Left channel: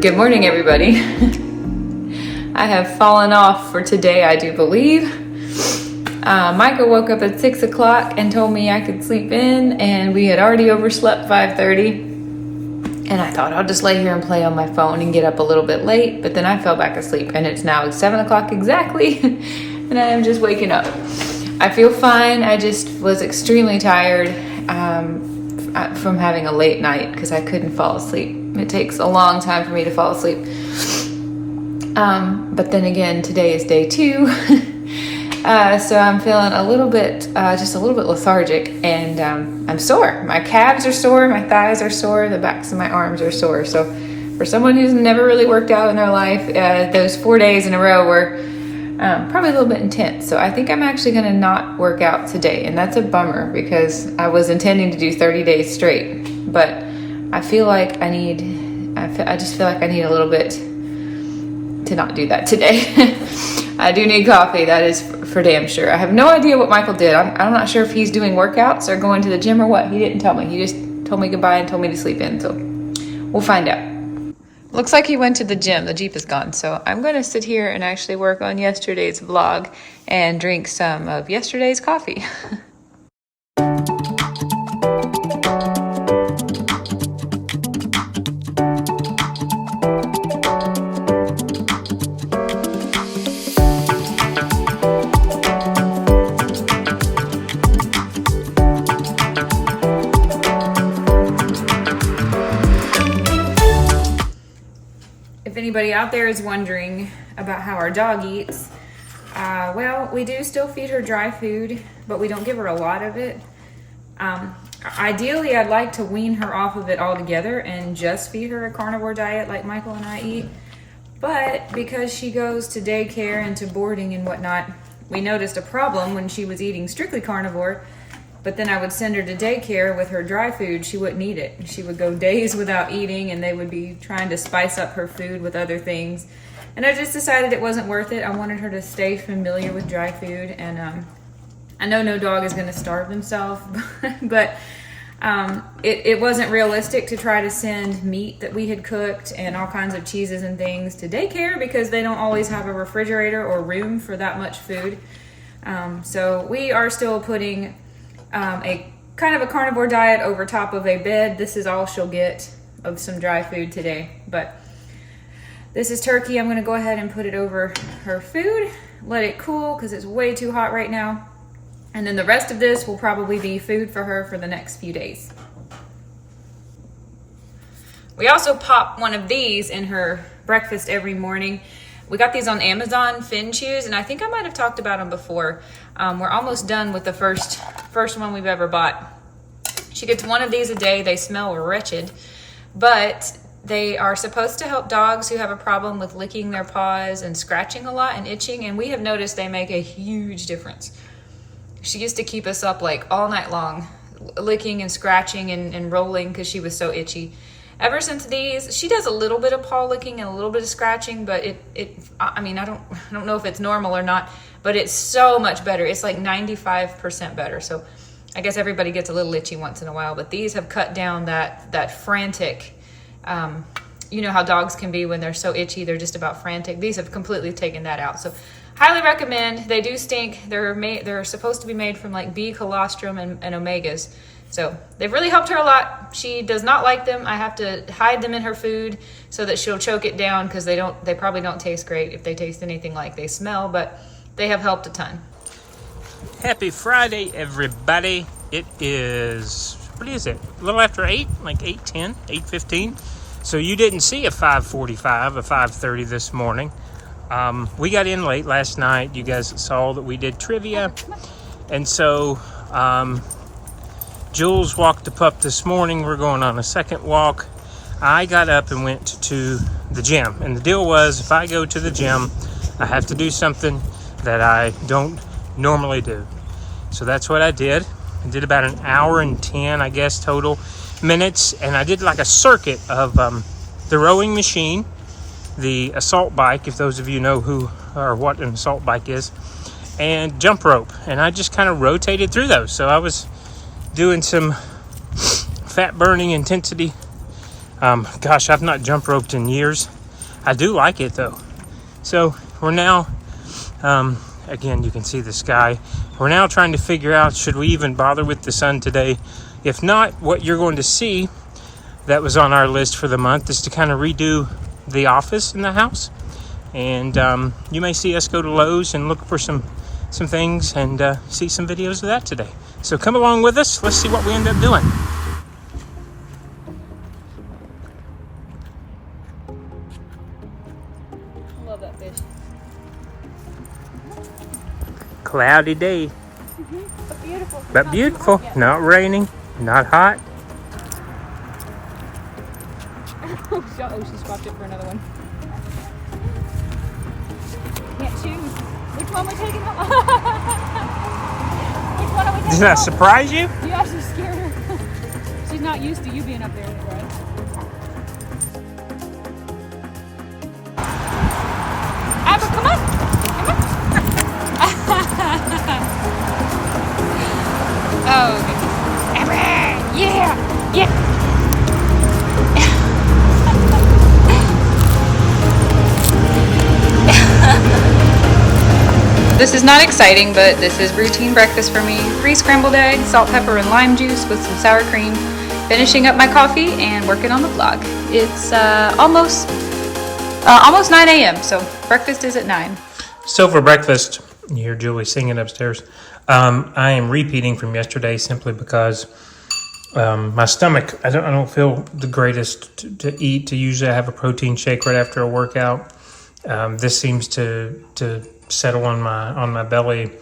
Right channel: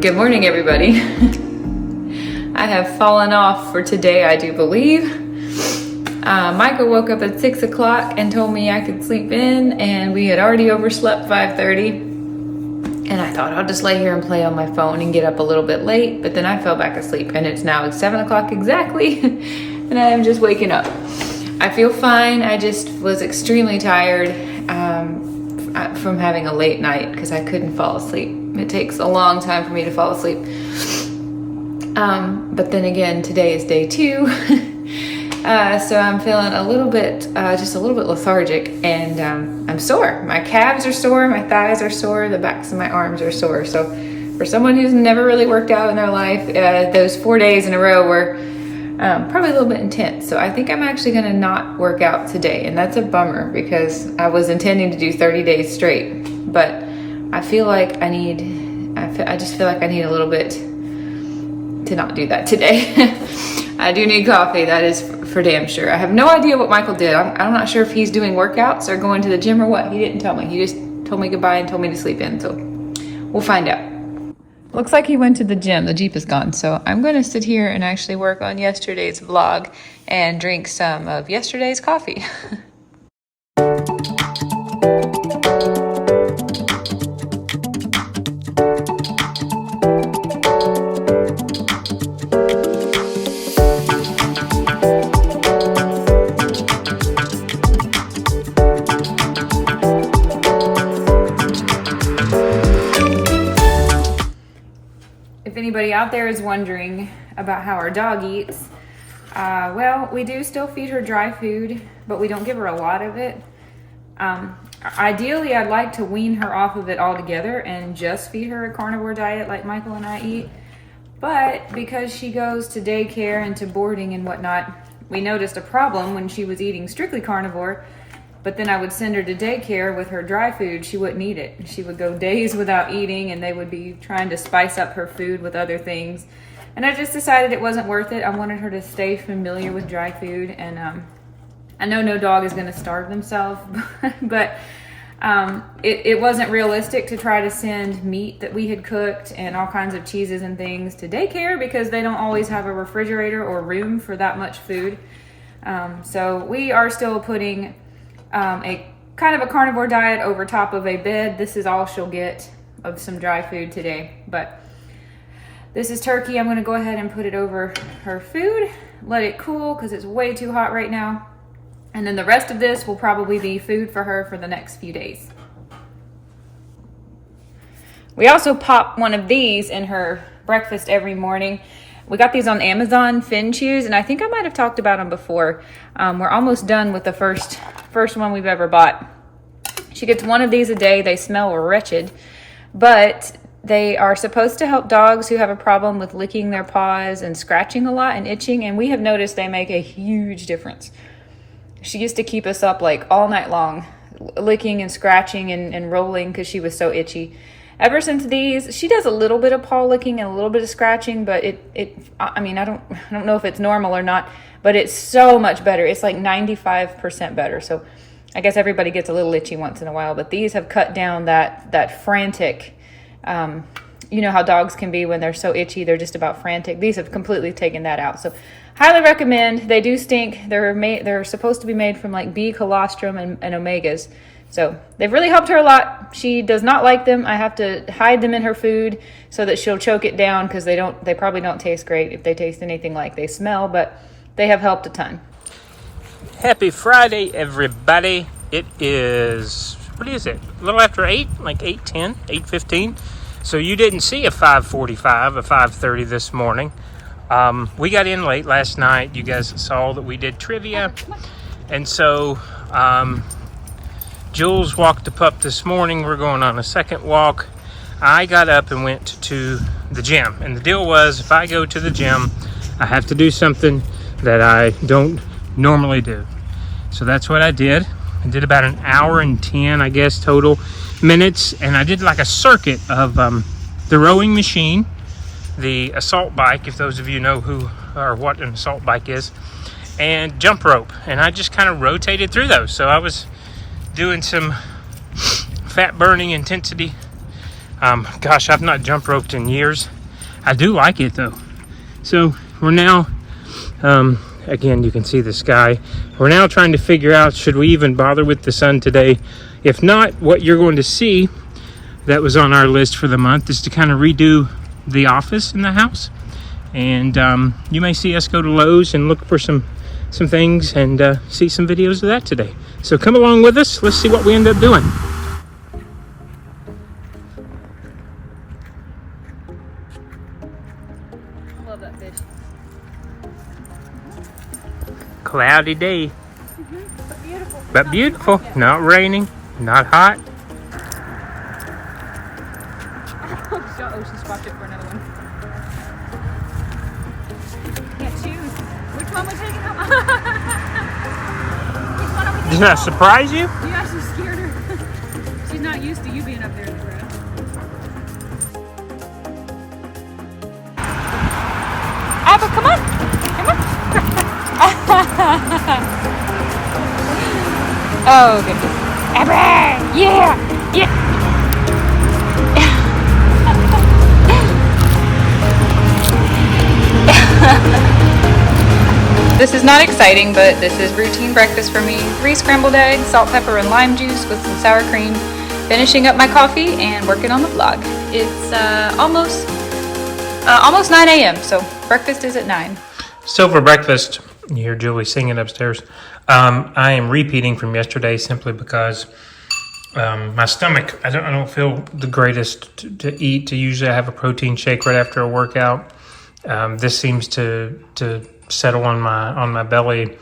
Good morning, everybody. I have fallen off for today, I do believe. Michael woke up at 6 o'clock and told me I could sleep in, and we had already overslept 5:30. And I thought I'll just lay here and play on my phone and get up a little bit late, but then I fell back asleep, and it's now 7 o'clock exactly, and I am just waking up. I feel fine. I just was extremely tired from having a late night because I couldn't fall asleep. It takes a long time for me to fall asleep. But then again, today is day 2. So I'm feeling a little bit, just a little bit lethargic, and I'm sore. My calves are sore, my thighs are sore, the backs of my arms are sore. So for someone who's never really worked out in their life, those 4 days in a row were probably a little bit intense. So I think I'm actually going to not work out today, and that's a bummer because I was intending to do 30 days straight. But I feel like I just feel like I need a little bit to not do that today. I do need coffee, that is for damn sure. I have no idea what Michael did. I'm not sure if he's doing workouts or going to the gym or what. He didn't tell me. He just told me goodbye and told me to sleep in. So we'll find out. Looks like he went to the gym. The Jeep is gone. So I'm going to sit here and actually work on yesterday's vlog and drink some of yesterday's coffee. If anybody out there is wondering about how our dog eats, well, we do still feed her dry food, but we don't give her a lot of it. Ideally, I'd like to wean her off of it altogether and just feed her a carnivore diet like Michael and I eat. But because she goes to daycare and to boarding and whatnot, we noticed a problem when she was eating strictly carnivore. But then I would send her to daycare with her dry food. She wouldn't eat it. She would go days without eating, and they would be trying to spice up her food with other things. And I just decided it wasn't worth it. I wanted her to stay familiar with dry food. And I know no dog is going to starve themselves, but it wasn't realistic to try to send meat that we had cooked and all kinds of cheeses and things to daycare because they don't always have a refrigerator or room for that much food. So we are still putting a kind of a carnivore diet over top of a bed. This is all she'll get of some dry food today, but this is turkey. I'm going to go ahead and put it over her food, let it cool because it's way too hot right now, and then the rest of this will probably be food for her for the next few days. We also pop one of these in her breakfast every morning. We got these on Amazon, Finn Chews, and I think I might have talked about them before. We're almost done with the first one we've ever bought. She gets one of these a day. They smell wretched, but they are supposed to help dogs who have a problem with licking their paws and scratching a lot and itching, and we have noticed they make a huge difference. She used to keep us up like all night long, licking and scratching and rolling because she was so itchy. Ever since these, she does a little bit of paw licking and a little bit of scratching, but I don't know if it's normal or not, but it's so much better. It's like 95% better. So I guess everybody gets a little itchy once in a while, but these have cut down that frantic, you know how dogs can be when they're so itchy, they're just about frantic. These have completely taken that out. So highly recommend. They do stink. They're supposed to be made from like bee colostrum and omegas. So they've really helped her a lot. She does not like them. I have to hide them in her food so that she'll choke it down because they probably don't taste great if they taste anything like they smell, but they have helped a ton. Happy Friday, everybody. It is, what is it? A little after 8, like 8:10, 8:15. So you didn't see a 5:45, a 5:30 this morning. We got in late last night. You guys saw that we did trivia. And so Jules walked the pup this morning. We're going on a second walk. I got up and went to the gym. And the deal was, if I go to the gym, I have to do something that I don't normally do. So that's what I did. I did about an hour and 10, I guess, total minutes. And I did like a circuit of the rowing machine, the assault bike, if those of you know who or what an assault bike is, and jump rope. And I just kind of rotated through those. So I was doing some fat burning intensity Gosh, I've not jump roped in years. I do like it though. So we're now, again, you can see the sky. We're now trying to figure out, should we even bother with the sun today? If not, what you're going to see that was on our list for the month is to kind of redo the office in the house. And you may see us go to Lowe's and look for some things and see some videos of that today. So come along with us. Let's see what we end up doing. Love that fish. Cloudy day, But beautiful. but beautiful. Yeah. Not raining, not hot. Oh, she swapped it for another one. Can't choose. Which one we taking? Which one are we taking? Did I surprise you? You actually scared her. She's not used to you being up there in the grass. Abba, come on. Come on. Oh, goodness. Abba! Yeah! Yeah! This is not exciting, but this is routine breakfast for me. 3 scrambled eggs, salt, pepper, and lime juice with some sour cream. Finishing up my coffee and working on the vlog. It's almost 9 a.m., so breakfast is at 9. So for breakfast, you hear Julie singing upstairs. I am repeating from yesterday simply because my stomach, I don't feel the greatest to eat. Usually I have a protein shake right after a workout. This seems to settle on my belly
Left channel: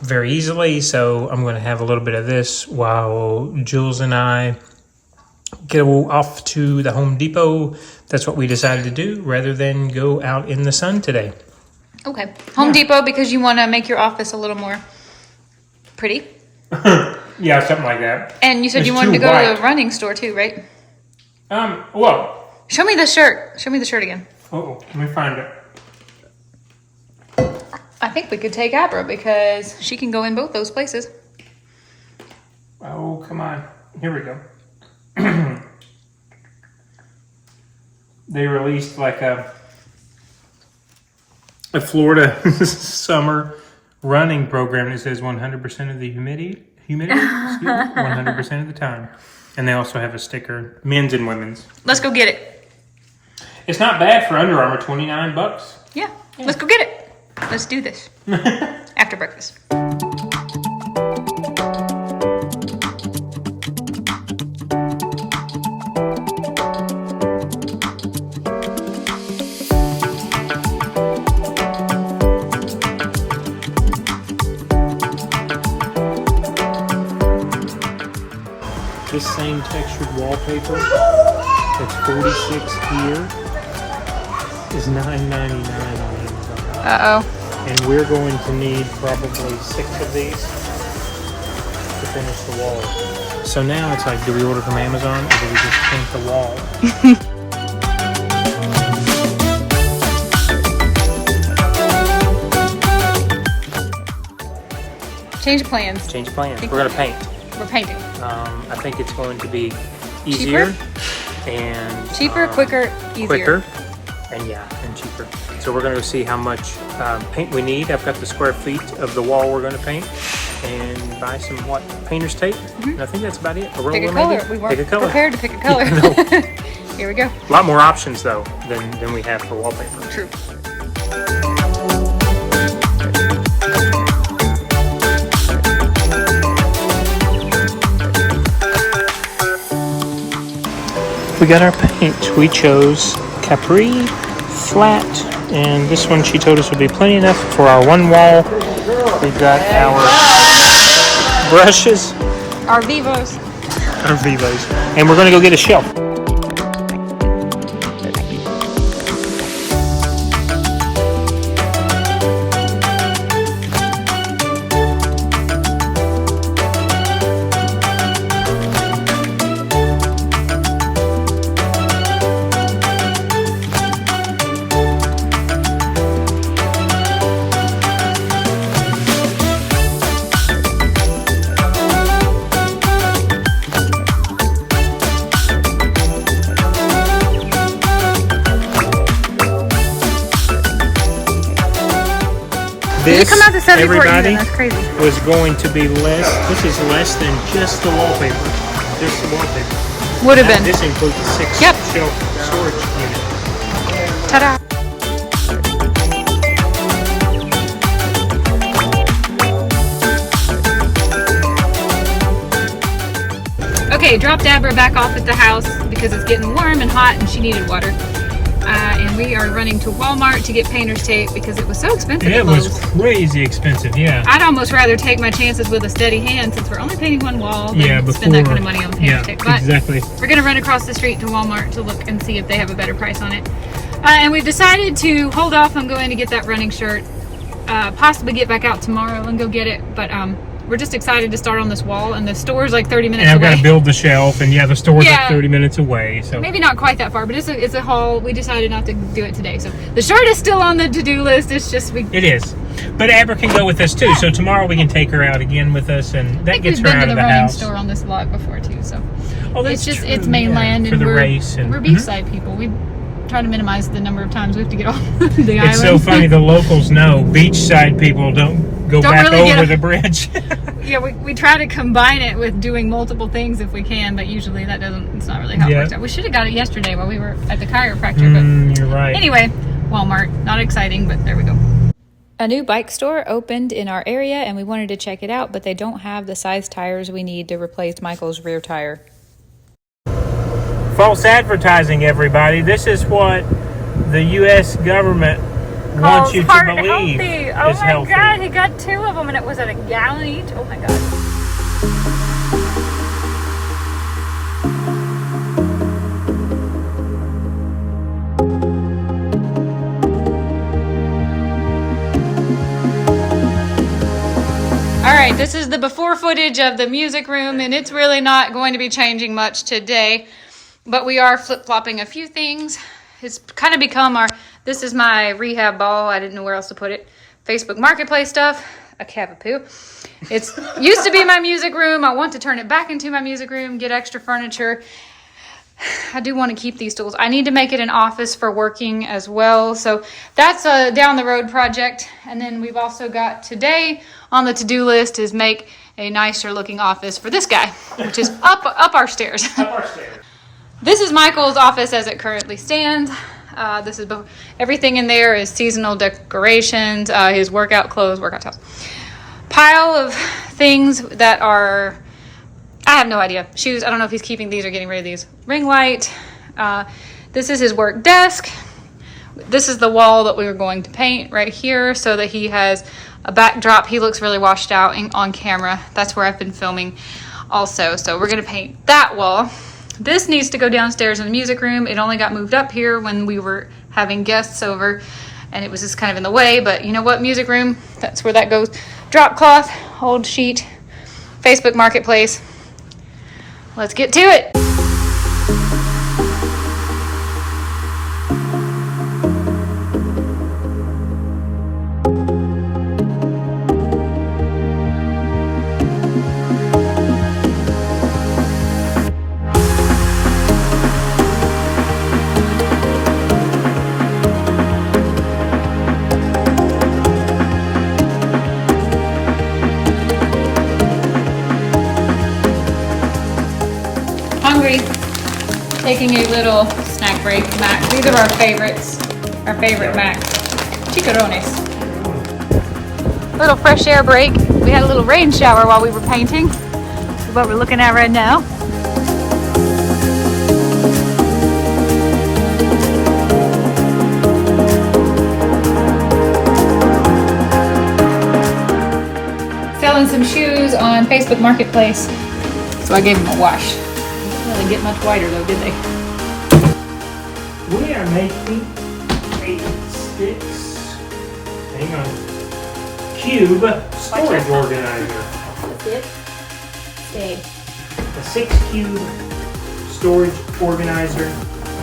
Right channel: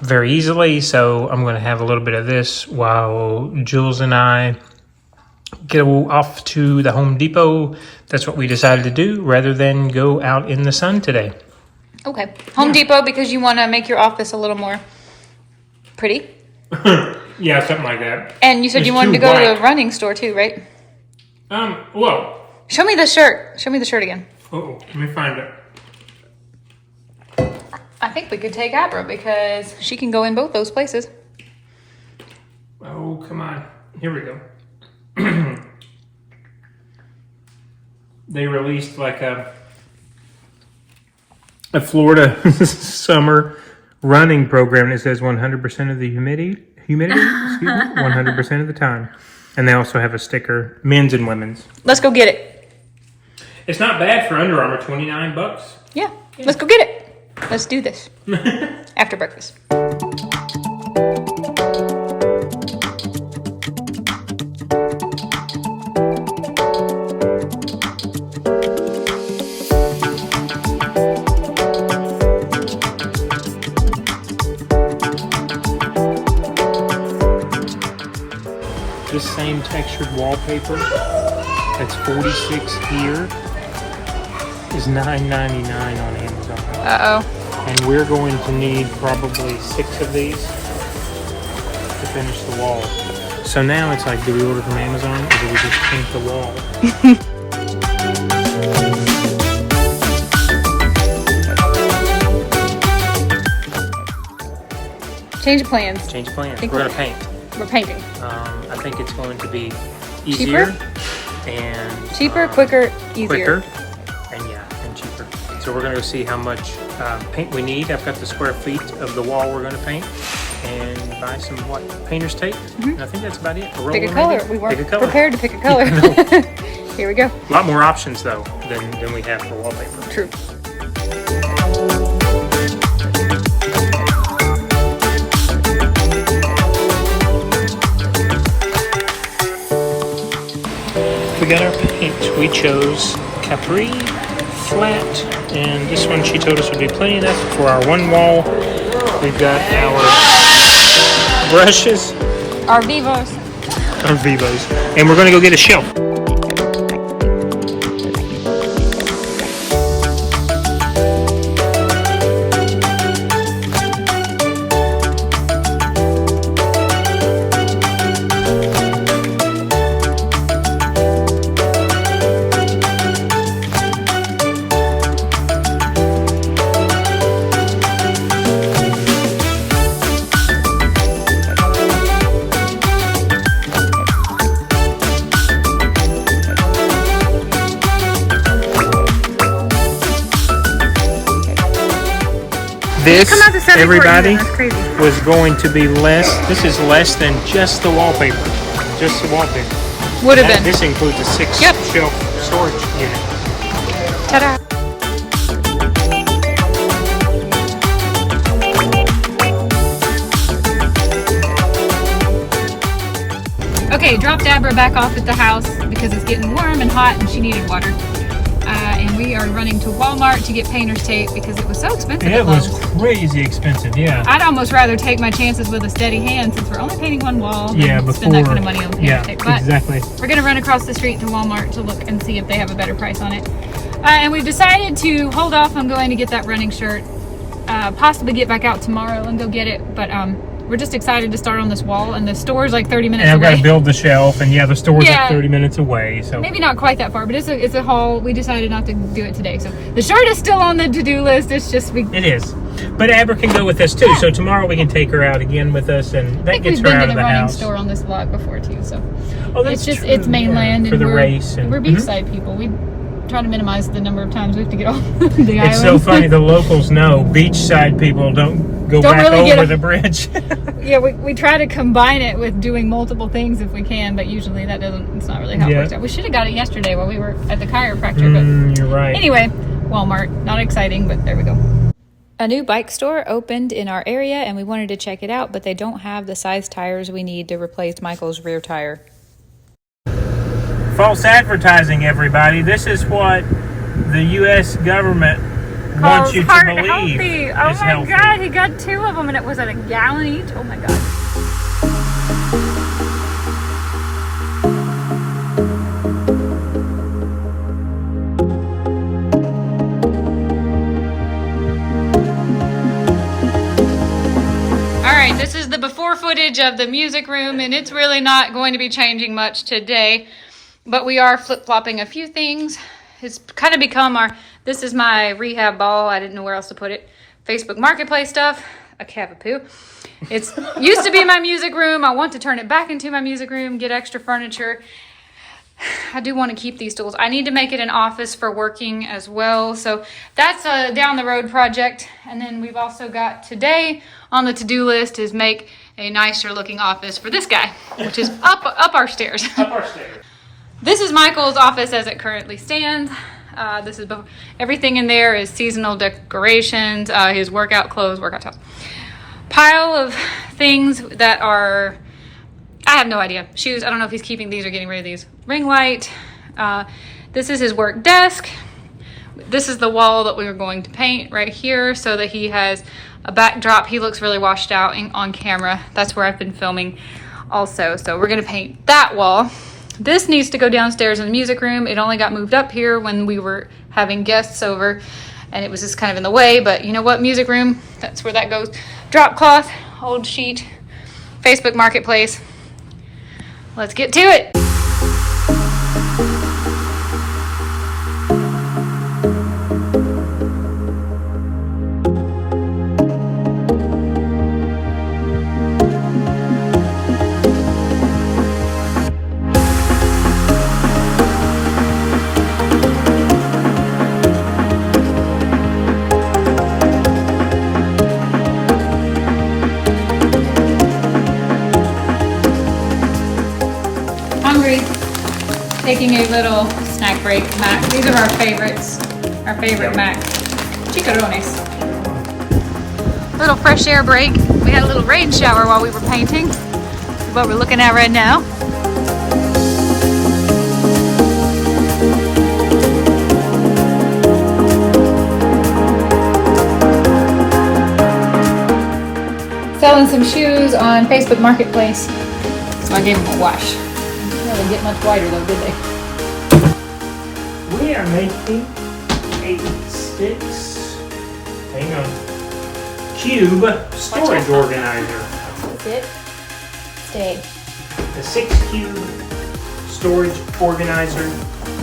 very easily, so I'm going to have a little bit of this while Jules and I go off to the Home Depot. That's what we decided to do rather than go out in the sun today. Okay. Home Depot because you want to make your office a little more pretty. Yeah, something like that. And you said It's you wanted too to go bright. to a running store too, right? Well, Show me the shirt. Show me the shirt again. let me find it. I think we could take Abra because she can go in both those places. Oh, come on. Here we go. They released like a Florida summer running program that says 100% of the humidity, excuse me, 100% of the time. And they also have a sticker, men's and women's. Let's go get it. It's not bad for Under Armour, $29. Yeah. Let's go get it. Let's do this. After breakfast. This same textured wallpaper that's $46 here is $9.99 on Amazon. Uh-oh. And we're going to need probably 6 of these to finish the wall. So now it's like, do we order from Amazon or do we just paint the wall? Change of plans. Change of plans. We're going to paint. We're painting. I think it's going to be easier and Cheaper, quicker, easier. quicker, and cheaper. So we're going to go see how much paint we need. I've got the square feet of the wall we're going to paint, and buy some painter's tape. And I think that's about it. A roller, Pick a color. maybe. We weren't Pick a color. prepared to pick a color. Yeah, I know. Here we go. A lot more options though than we have for wallpaper. True. We got our paint. We chose Capri, flat, and this one she told us would be plenty enough for our one wall. We've got our brushes, Our Vivos. our Vivos, and we're going to go get a shelf. This, come out to 74 everybody, even. That's crazy. was going to be less. This is less than just the wallpaper. Just the wallpaper. Would have been. This includes a 6 Yep. shelf storage unit. Ta-da. Okay, dropped Abra back off at the house because it's getting warm and hot and she needed water. And we are running to Walmart to get painter's tape because it was so expensive It at was Lowe's. crazy expensive, yeah. I'd almost rather take my chances with a steady hand since we're only painting one wall than Yeah, spend that before- kind of money on painter's tape. But exactly. we're gonna run across the street to Walmart to look and see if they have a better price on it. And we've decided to hold off on going to get that running shirt. Possibly get back out tomorrow and go get it. But we're just excited to start on this wall, and the store's like 30 minutes And I've got away. to build the shelf, and yeah, the store's Yeah. like 30 minutes away. So Maybe not quite that far, but it's a haul. We decided not to do it today. So the shirt is still on the to-do list. It's just it is. But Abra can go with us too. So tomorrow we can take her out again with us, and I that think gets we've her been out to of the the running house. store on this lot before too. So Oh, that's it's just true, it's mainland, yeah, for and the we're race and- we're beachside people. We try to minimize the number of times we have to get off the It's island. so funny. The locals know beachside people don't go back really get over a- the bridge. Yeah, we try to combine it with doing multiple things if we can, but usually that doesn't. It's not really how it Yeah. works out. We should have got it yesterday while we were at the chiropractor, but You're right. anyway, Walmart, not exciting, but there we go. A new bike store opened in our area and we wanted to check it out, but they don't have the size tires we need to replace Michael's rear tire. False advertising, everybody. This is what the U.S. government wants you to believe healthy. is Oh my healthy. god, he got 2 of them and it was at a gallon each. Oh my god. All right, this is the before footage of the music room, and it's really not going to be changing much today, but we are flip-flopping a few things. It's kind of become this is my rehab ball. I didn't know where else to put it. Facebook Marketplace stuff, a cavapoo. It's used to be my music room. I want to turn it back into my music room, get extra furniture. I do want to keep these tools. I need to make it an office for working as well. So that's a down the road project. And then we've also got today on the to-do list is make a nicer looking office for this guy, which is up our stairs. Up our stairs. This is Michael's office as it currently stands. This is everything in there is seasonal decorations, his workout clothes, workout towels. Pile of things that are, I have no idea. Shoes, I don't know if he's keeping these or getting rid of these. Ring light. This is his work desk. This is the wall that we were going to paint right here so that he has a backdrop. He looks really washed out on camera. That's where I've been filming also. So we're going to paint that wall. This needs to go downstairs in the music room. It only got moved up here when we were having guests over and it was just kind of in the way, but you know what, music room, that's where that goes. Drop cloth, old sheet, Facebook Marketplace. Let's get to it. Hungry. Taking a little snack break. Mac. These are our favorites. Our favorite Mac. Chicharrones. Little fresh air break. We had a little rain shower while we were painting. This is what we're looking at right now. Selling some shoes on Facebook Marketplace. So I gave them a wash. Didn't really get much whiter though, did they? We are making a 6, hang on, cube storage organizer. Sit. Stay. A 6 cube storage organizer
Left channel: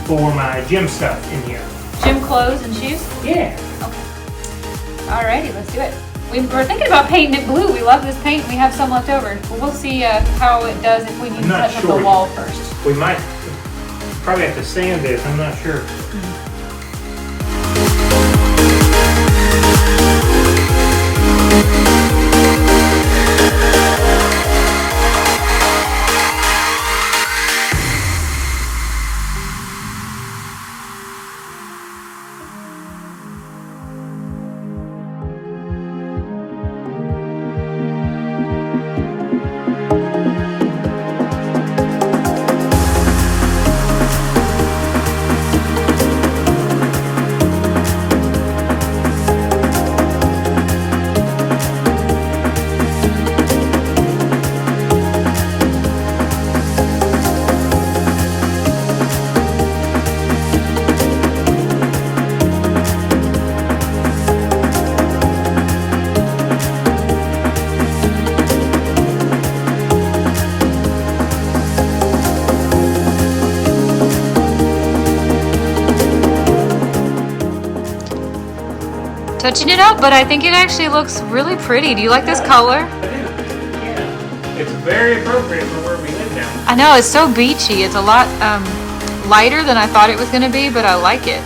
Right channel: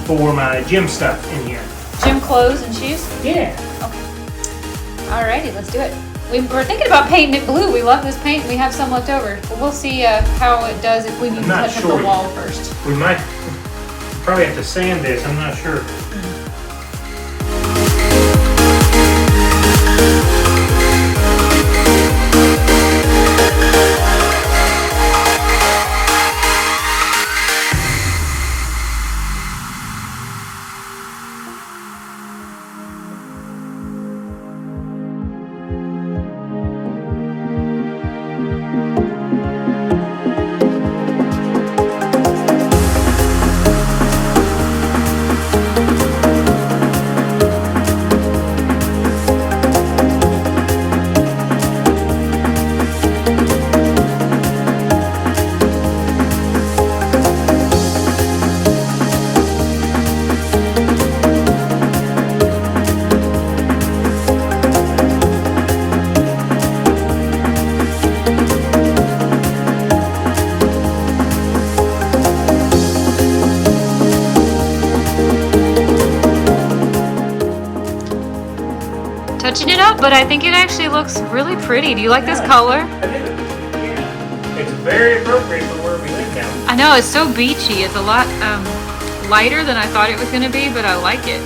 for my gym stuff in here. Gym clothes and shoes? Yeah. Okay. Alrighty, let's do it. We were thinking about painting it blue. We love this paint. We have some left over. But we'll see how it does if we need to not touch up sure the wall first. We might probably have to sand this, I'm not sure. touching it up, but I think it actually looks really pretty. Do you like this color? I do. Yeah. It's very appropriate for where we live now. I know, it's so beachy. It's a lot lighter than I thought it was going to be, but I like it.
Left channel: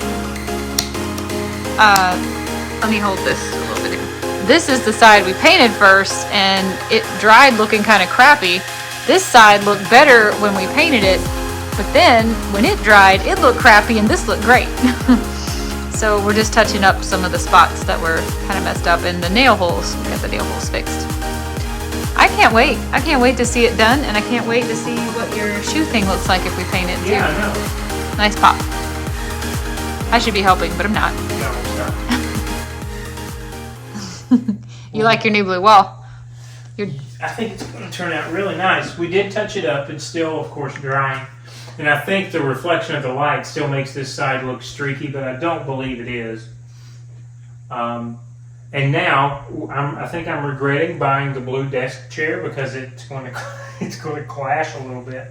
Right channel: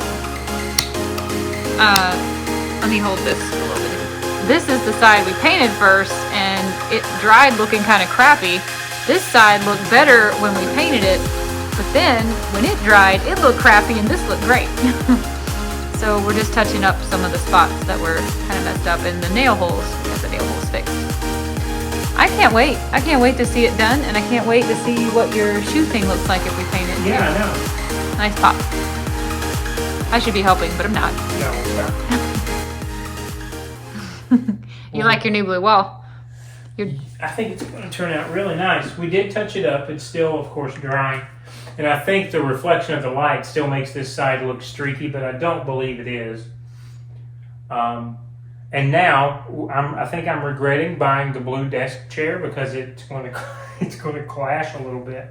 Let me hold this a little bit. This is the side we painted first, and it dried looking kind of crappy. This side looked better when we painted it, but then when it dried, it looked crappy, and this looked great. So we're just touching up some of the spots that were kind of messed up, and the nail holes. We got the nail holes fixed. I can't wait. I can't wait to see it done, and I can't wait to see what your shoe thing looks like if we paint it too. Yeah, I know. Nice pop. I should be helping, but I'm not. Yeah, we'll start. You like your new blue wall? I think it's going to turn out really nice. We did touch it up. It's still, of course, drying. And I think the reflection of the light still makes this side look streaky, but I don't believe it is. And now, I think I'm regretting buying the blue desk chair because it's going to clash a little bit.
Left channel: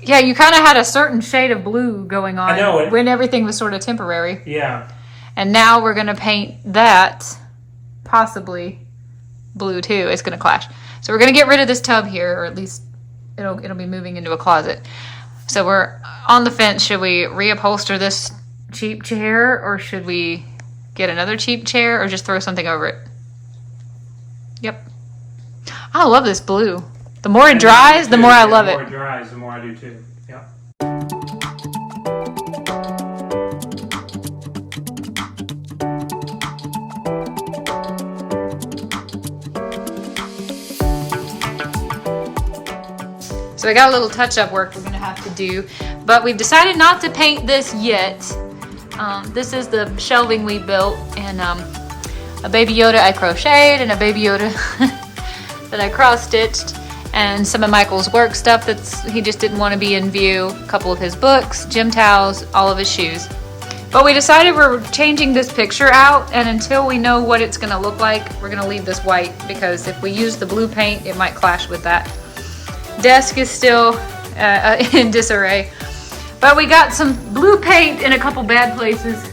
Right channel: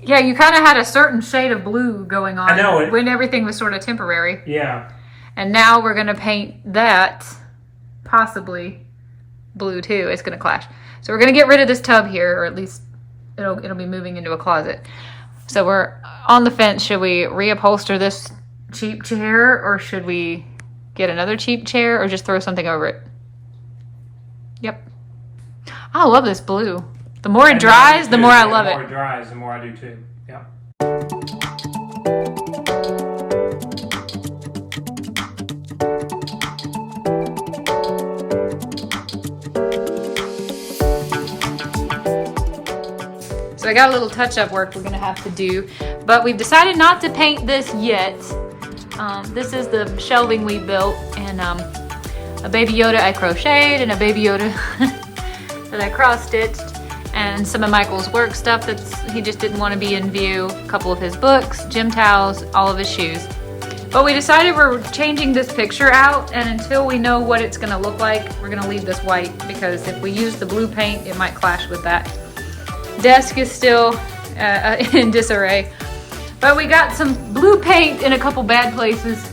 Yeah, you kind of had a certain shade of blue going on. I know it. When everything was sort of temporary. Yeah. And now we're going to paint that possibly blue too. It's going to clash. So we're going to get rid of this tub here, or at least it'll be moving into a closet. So we're on the fence. Should we reupholster this cheap chair, or should we get another cheap chair, or just throw something over it? Yep. I love this blue. The more it dries, the more I love it. The more it dries, the more I do too. Yeah. So I got a little touch-up work we're gonna have to do, but we've decided not to paint this yet. This is the shelving we built, and a Baby Yoda I crocheted, and a Baby Yoda that I cross-stitched, and some of Michael's work stuff he just didn't want to be in view, a couple of his books, gym towels, all of his shoes. But we decided we're changing this picture out, and until we know what it's gonna look like, we're gonna leave this white, because if we use the blue paint, it might clash with that. Desk is still in disarray, but we got some blue paint in a couple bad places.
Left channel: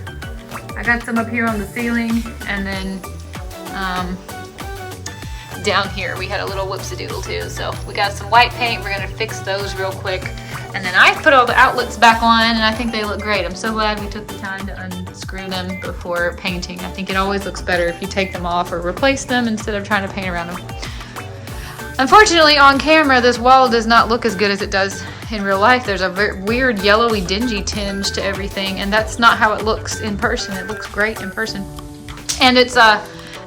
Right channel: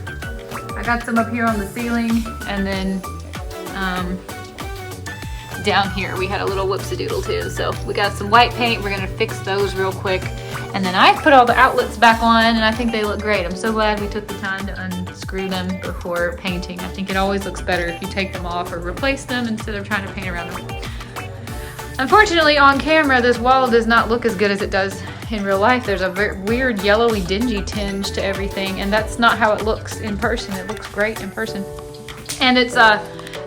I got some up here on the ceiling, and then down here we had a little whoopsie-doodle too. So we got some white paint. We're gonna fix those real quick, and then I put all the outlets back on, and I think they look great. I'm so glad we took the time to unscrew them before painting. I think it always looks better if you take them off or replace them instead of trying to paint around them. Unfortunately, on camera, this wall does not look as good as it does in real life. There's a very weird yellowy dingy tinge to everything, and that's not how it looks in person. It looks great in person. And it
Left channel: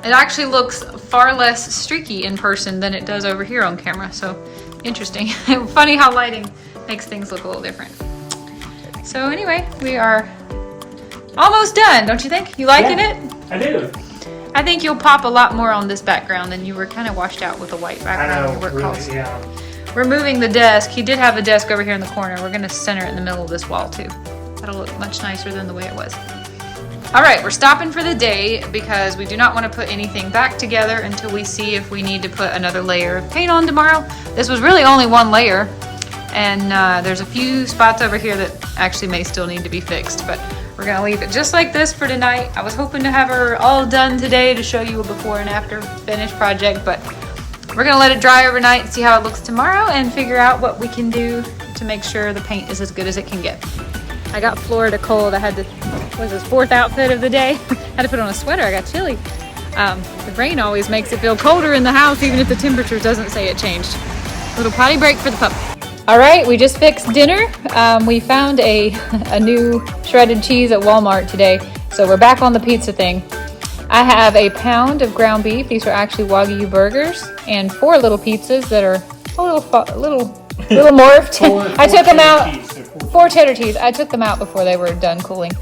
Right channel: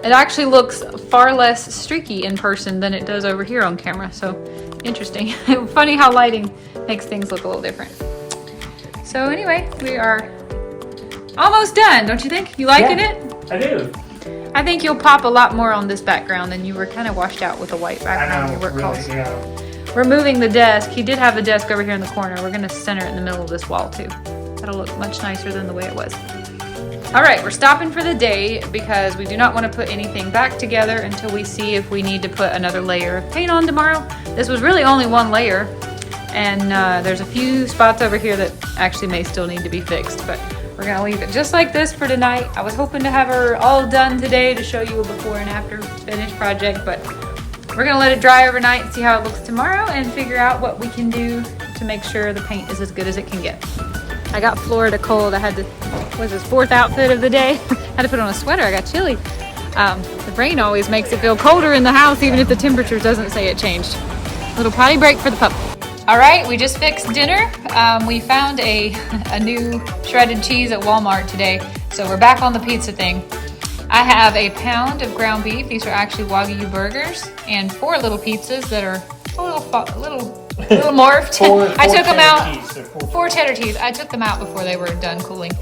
actually looks far less streaky in person than it does over here on camera, so interesting. Funny how lighting makes things look a little different. So anyway, we are almost done, don't you think? You liking it? I do. I think you'll pop a lot more on this background than you were kind of washed out with a white background in your work calls. Yeah. We're moving the desk. He did have a desk over here in the corner. We're going to center it in the middle of this wall too. That'll look much nicer than the way it was. All right, we're stopping for the day because we do not want to put anything back together until we see if we need to put another layer of paint on tomorrow. This was really only one layer, and there's a few spots over here that actually may still need to be fixed, but we're gonna leave it just like this for tonight. I was hoping to have her all done today to show you a before and after finished project, but we're gonna let it dry overnight and see how it looks tomorrow and figure out what we can do to make sure the paint is as good as it can get. I got Florida cold. I had to, was this fourth outfit of the day? Had to put on a sweater, I got chilly. The rain always makes it feel colder in the house even if the temperature doesn't say it changed. Little potty break for the pup. All right, we just fixed dinner. We found a new shredded cheese at Walmart today, so we're back on the pizza thing. I have a pound of ground beef. These are actually Wagyu burgers, and 4 little pizzas that are a little morphed. I took them out. 4 cheddar cheese. I took them out before they were done cooling.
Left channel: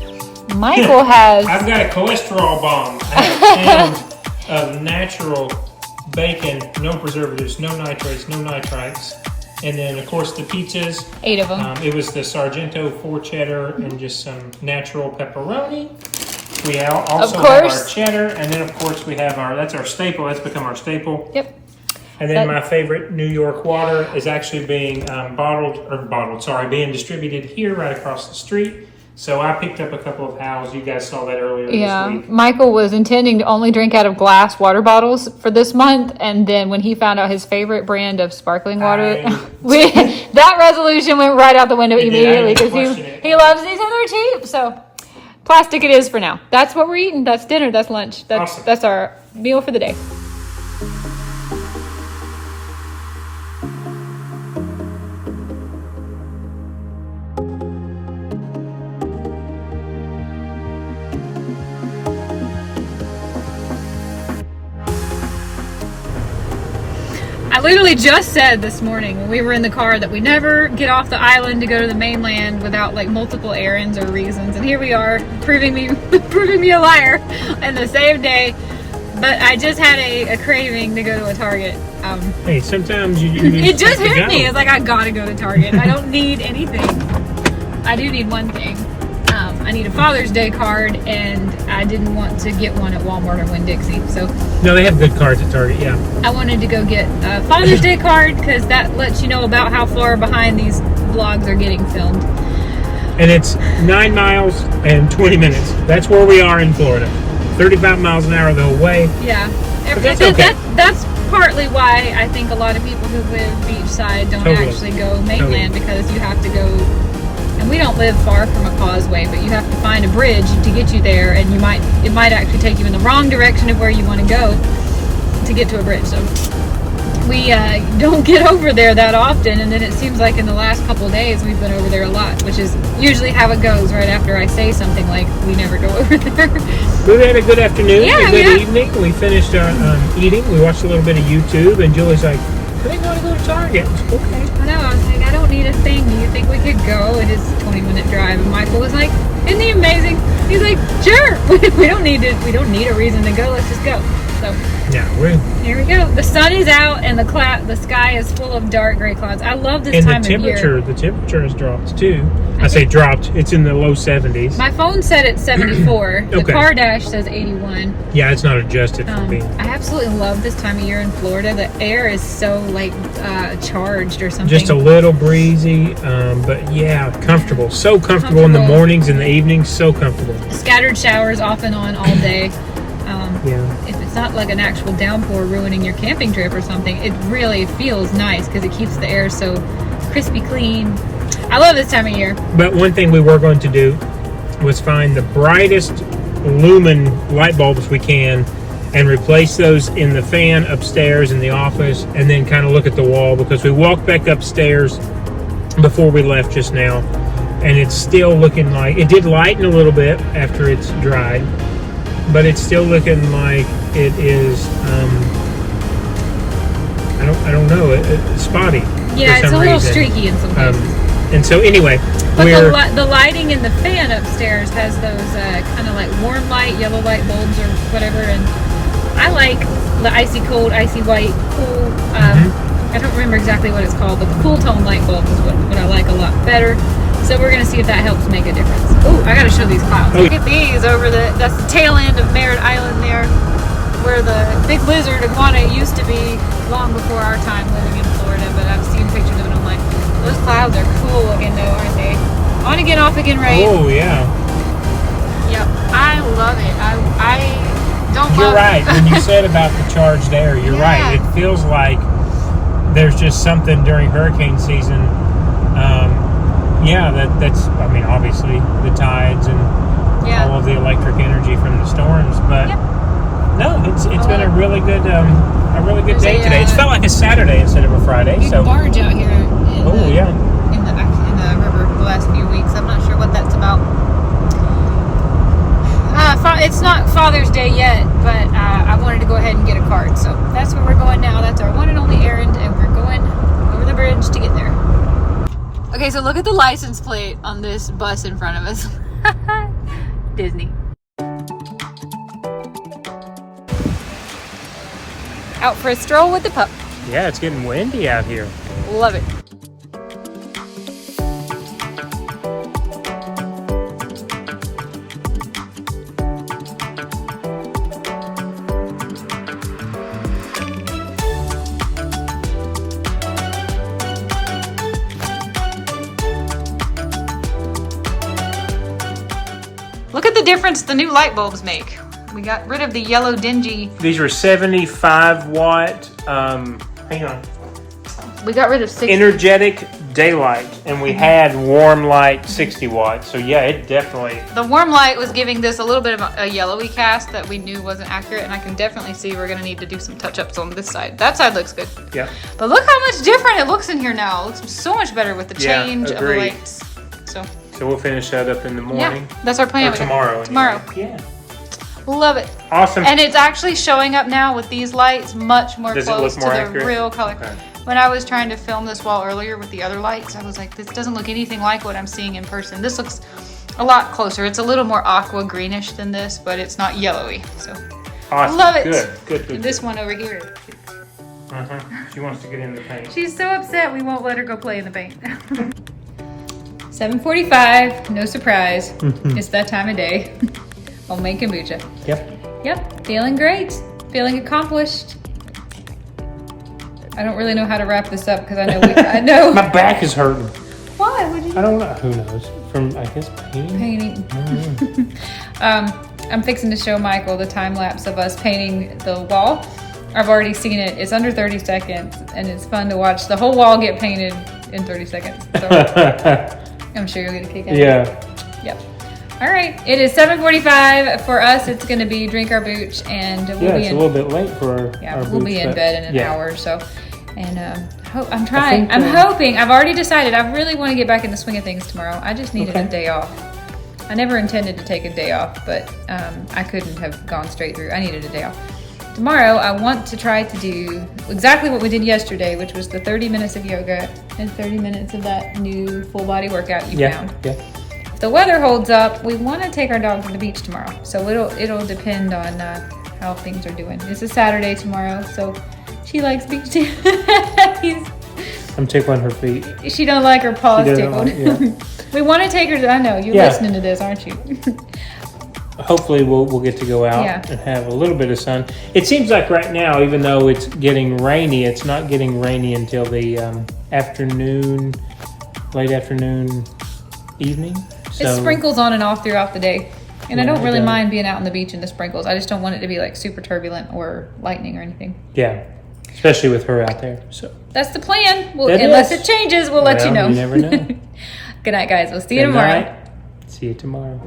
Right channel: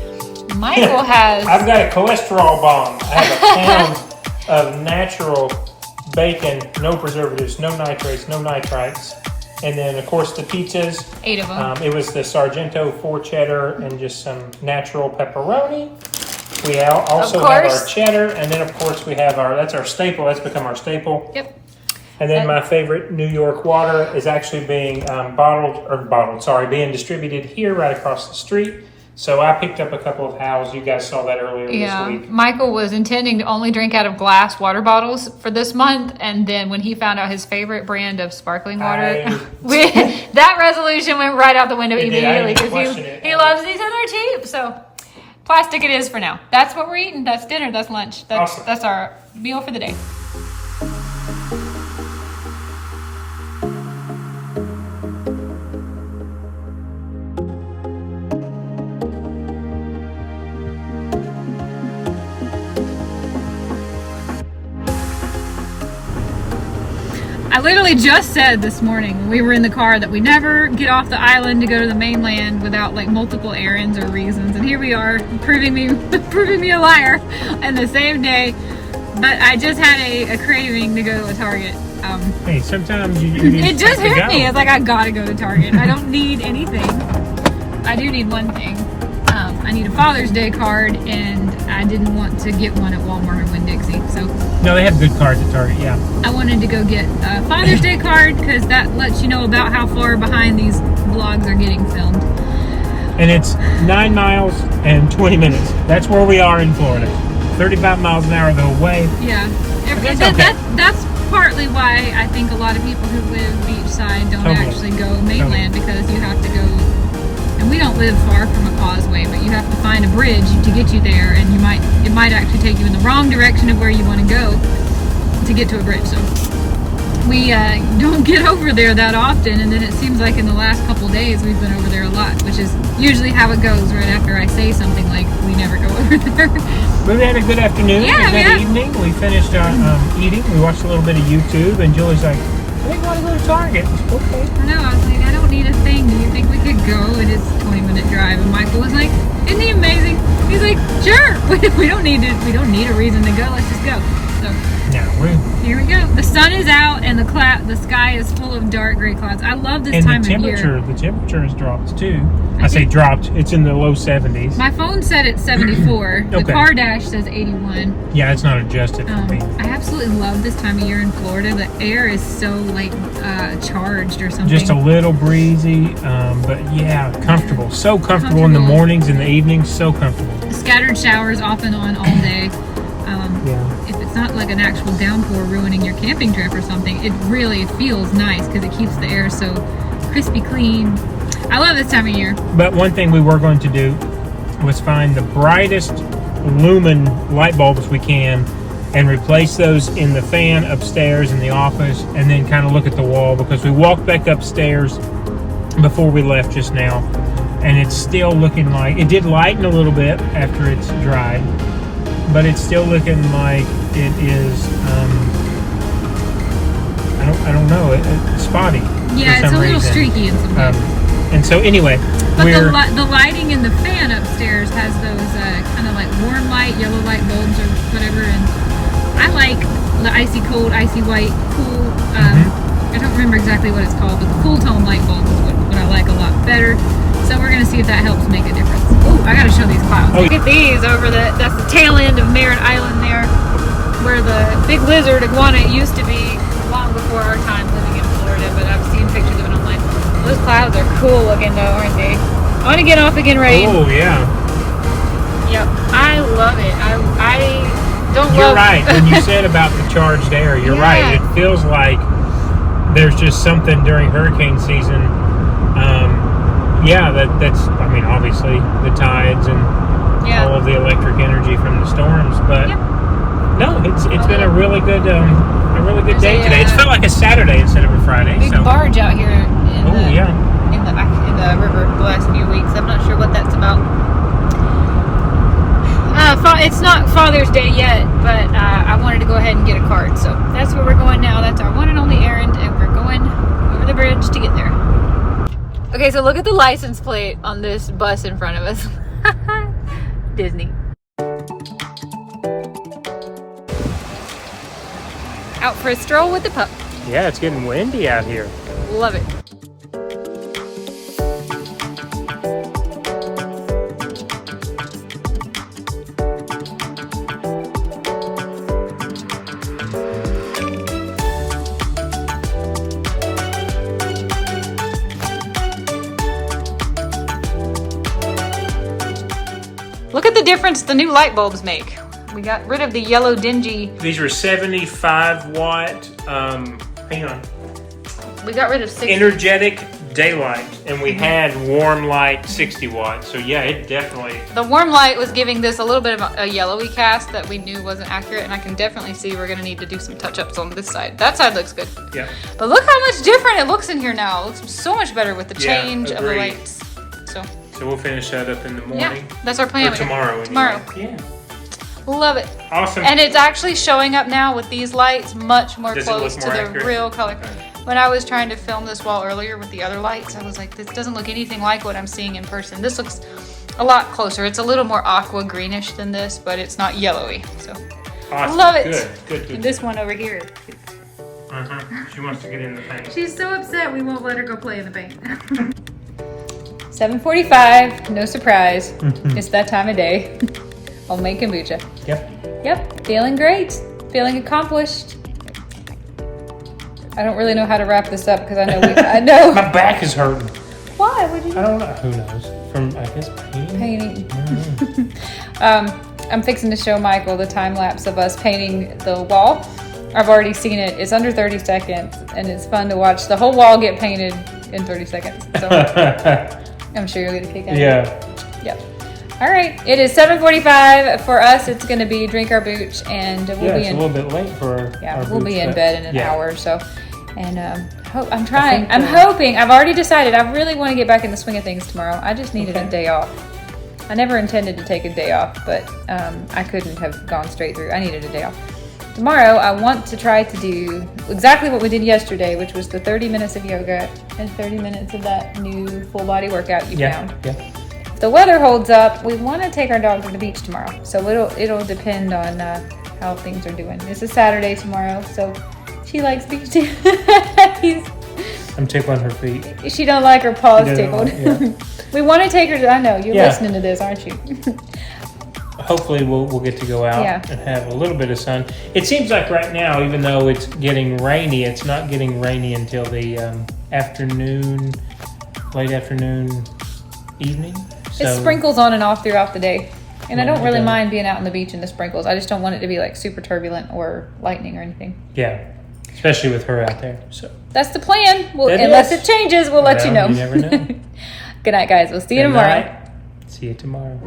Michael has. I've got a cholesterol bomb. I have a pound of natural bacon, no preservatives, no nitrates, no nitrites. And then, of course, the pizzas. 8 of them. It was the Sargento 4 cheddar and just some natural pepperoni. We also have our cheddar, and then, of course, we have that's our staple. That's become our staple. Yep. And then my favorite New York water is actually being being distributed here right across the street. So I picked up a couple of Howes. You guys saw that earlier Yeah, this week. Michael was intending to only drink out of glass water bottles for this month, and then when he found out his favorite brand of sparkling water, that resolution went right out the window It did. I immediately didn't because question it. he loves these and they're cheap. So plastic it is for now. That's what we're eating. That's dinner. That's lunch. Awesome. That's our meal for the day. I literally just said this morning when we were in the car that we never get off the island to go to the mainland without like multiple errands or reasons, and here we are proving me a liar in the same day. But I just had a craving to go to a Target. Hey, sometimes you It just hit me. It's like I gotta go to Target. I don't need anything. I do need one thing. I need a Father's Day card, and I didn't want to get one at Walmart or Winn-Dixie, so No, they have good cards at Target, yeah. I wanted to go get a Father's Day card because that lets you know about how far behind these vlogs are getting filmed. And it's 9 miles and 20 minutes. That's where we are in Florida. 35 miles an hour the whole way. Yeah, That's okay. that's partly why I think a lot of people who live beachside don't Totally. actually go mainland because you have to go. And we don't live far from a causeway, but you have to find a bridge to get you there, and it might actually take you in the wrong direction of where you want to go to get to a bridge. So we don't get over there that often, and then it seems like in the last couple of days we've been over there a lot, which is usually how it goes right after I say something like we never go over there. We had a good afternoon, Yeah, a good yeah. evening. We finished eating. We watched a little bit of YouTube, and Julie's like, I think I want to go to Target. Okay. I know, I was like, I don't need a thing. Do you think we could go? It is a 20-minute drive. And Michael was like, isn't he amazing? He's like, sure. We don't need a reason to go. Let's just go. So Yeah, we're here we go. The sun is out and the sky is full of dark gray clouds. I love this and time the of year. temperature has dropped too. I say dropped. It's in the low 70s. My phone said it's 74. The Okay. car dash says 81. Yeah, it's not adjusted for me. I absolutely love this time of year in Florida. The air is so like charged or something. Just a little breezy, but yeah, comfortable. So comfortable in the Comfortable. mornings and the evenings. So comfortable. Scattered showers off and on all day. Yeah. If it's not like an actual downpour ruining your camping trip or something, it really feels nice because it keeps the air so crispy clean. I love this time of year. But one thing we were going to do was find the brightest lumen light bulbs we can and replace those in the fan upstairs in the office, and then kind of look at the wall, because we walked back upstairs before we left just now, and it's still looking like it did lighten a little bit after it's dried, but it's still looking like it is I don't know, it's spotty. Yeah, for it's some a little reason. streaky in some places. And so anyway, But we're the lighting in the fan upstairs has those kind of like warm light, yellow light bulbs or whatever, and I like the icy cold, icy white, cool. I don't remember exactly what it's called, but the cool tone light bulb is what I like a lot better. So we're gonna see if that helps make a difference. Oh, I gotta show these clouds. Look at these over that's the tail end of Merritt Island there, where the big lizard iguana used to be long before our time living in Florida, but I've seen pictures of it online. Those clouds are cool looking though, aren't they? I want to get off again, rain. oh yeah. Yep, I love it. I don't You're love right. When you said about the charged air, you're Yeah. right. It feels like there's just something during hurricane season. Yeah, that's. I mean, obviously the tides and all of the electric energy from the storms, but Yep. no, it's been a really good day There's today. It's felt like a Saturday instead of a Friday. big So barge out here in oh the, yeah. in the river the last few weeks. I'm not sure what that's about. It's not Father's Day yet, but I wanted to go ahead and get a card, so that's where we're going now. That's our one and only errand, and we're going over the bridge to get there. Okay, so look at the license plate on this bus in front of us. Disney. Out for a stroll with the pup. Yeah, it's getting windy out here. Love it. difference the new light bulbs make. We got rid of the yellow dingy. These were 75 watt, hang on, We got rid of 60. energetic daylight, and we had warm light 60 watts. So yeah, it definitely. The warm light was giving this a little bit of a yellowy cast that we knew wasn't accurate, and I can definitely see we're gonna need to do some touch-ups on this side. That side looks good. Yeah. But look how much different it looks in here now. It looks so much better with the Yeah, change of the agreed. lights. So So we'll finish that up in the yeah, morning. that's our plan. Or tomorrow. Tomorrow. Yeah. Love it. Awesome. And it's actually showing up now with these lights much more Does it look close to more the accurate? real color. When I was trying to film this wall earlier with the other lights, I was like, this doesn't look anything like what I'm seeing in person. This looks a lot closer. It's a little more aqua greenish than this, but it's not yellowy. So Awesome. love it. Good. And this one over here. She wants to get in the paint. She's so upset we won't let her go play in the paint. 7:45, no surprise. It's that time of day. Homemade kombucha. Yep, feeling great. Feeling accomplished. I don't really know how to wrap this up because I know My back is hurting. Why? What did you do? I don't know. Who knows? From, I guess, painting. Painting. I'm fixing to show Michael the time lapse of us painting the wall. I've already seen it. It's under 30 seconds, and it's fun to watch the whole wall get painted in 30 seconds. So I'm sure you'll get a kick out of it. Yeah. Yep. All right. It is 7:45 for us. It's going to be drink our booch, and we'll Yeah, be it's in. a little bit late for our We'll be boots, in but- bed in an yeah. hour or so. And I'm trying. think, I'm hoping. I've already decided. I really want to get back in the swing of things tomorrow. I just needed a day off. I never intended to take a day off, but I couldn't have gone straight through. I needed a day off. Tomorrow, I want to try to do exactly what we did yesterday, which was the 30 minutes of yoga and 30 minutes of that new full body workout you found. Yeah. If the weather holds up, we want to take our dog to the beach tomorrow. So it'll depend on how things are doing. It's a Saturday tomorrow, so she likes beach too. I'm tickling her feet. She don't like her paws She doesn't tickled. like- We want to take her to, I know, you're Yeah. listening to this, aren't you? Hopefully we'll get to go out Yeah. and have a little bit of sun. It seems like right now, even though it's getting rainy, it's not getting rainy until the afternoon, late afternoon, evening. It sprinkles on and off throughout the day. And I Yeah, don't really it does. mind being out on the beach in the sprinkles. I just don't want it to be like super turbulent or lightning or anything. Yeah, especially with her out there. So That's the plan. It Unless is. it changes, we'll let you know. Well, you never know. Good night, guys. We'll see you Good tomorrow. night. See you tomorrow.